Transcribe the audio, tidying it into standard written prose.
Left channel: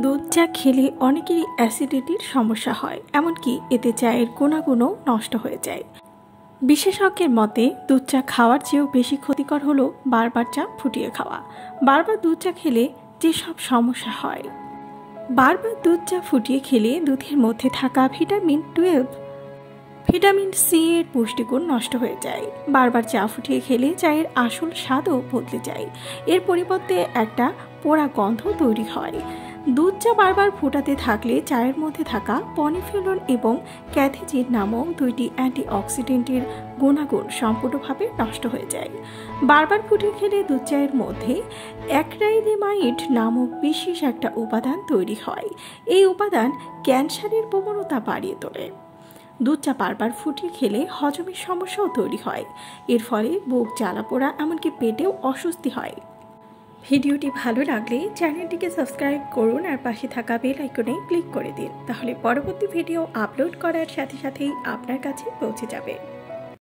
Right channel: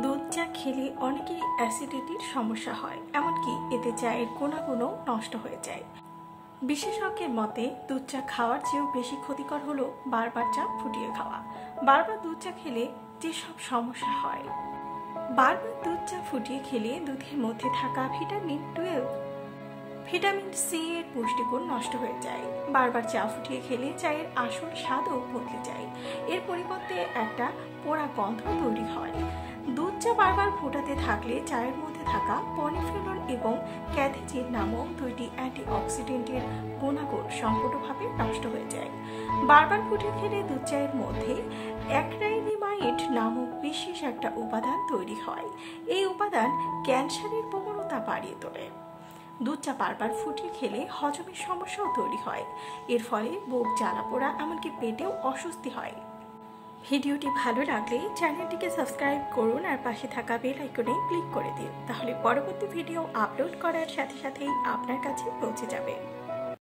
দুধ চা খেলে অনেকেরই অ্যাসিডিটির সমস্যা হয়, এমনকি এতে চায়ের গুণাগুণও নষ্ট হয়ে যায়। বিশেষজ্ঞের মতে দুধ চা খাওয়ার চেয়েও বেশি ক্ষতিকর হলো বারবার চা ফুটিয়ে খাওয়া। বারবার দুধ চা খেলে যেসব সমস্যা হয়, বারবার দুধ চা ফুটিয়ে খেলে দুধের মধ্যে থাকা ভিটামিন 12, ভিটামিন সি এর পুষ্টিগুণ নষ্ট হয়ে যায়। বারবার চা ফুটিয়ে খেলে চায়ের আসল স্বাদও বদলে যায়। এর পরিবর্তে একটা পোড়া গন্ধ তৈরি হয়। দুধ চা বারবার ফোটাতে থাকলে চায়ের মধ্যে থাকা পলিফেনল এবং ক্যাথেচিন নামক দুইটি অ্যান্টিঅক্সিডেন্টের গুণাগুণ সম্পূর্ণভাবে নষ্ট হয়ে যায়। বারবার ফুটিয়ে খেলে দুধ চায়ের মধ্যে অ্যাক্রাইলিমাইড নামক বিশেষ একটা উপাদান তৈরি হয়। এই উপাদান ক্যান্সারের প্রবণতা বাড়িয়ে তোলে। দুধ চা বারবার ফুটিয়ে খেলে হজমের সমস্যাও তৈরি হয়। এর ফলে বুক জ্বালা পোড়া, এমনকি পেটেও অস্বস্তি হয়। ভিডিওটি ভালো লাগলে চ্যানেলটিকে সাবস্ক্রাইব করুন আর পাশে থাকা বেল আইকনে ক্লিক করে দিন, তাহলে পরবর্তী ভিডিও আপলোড করার সাথে সাথেই আপনার কাছে পৌঁছে যাবে।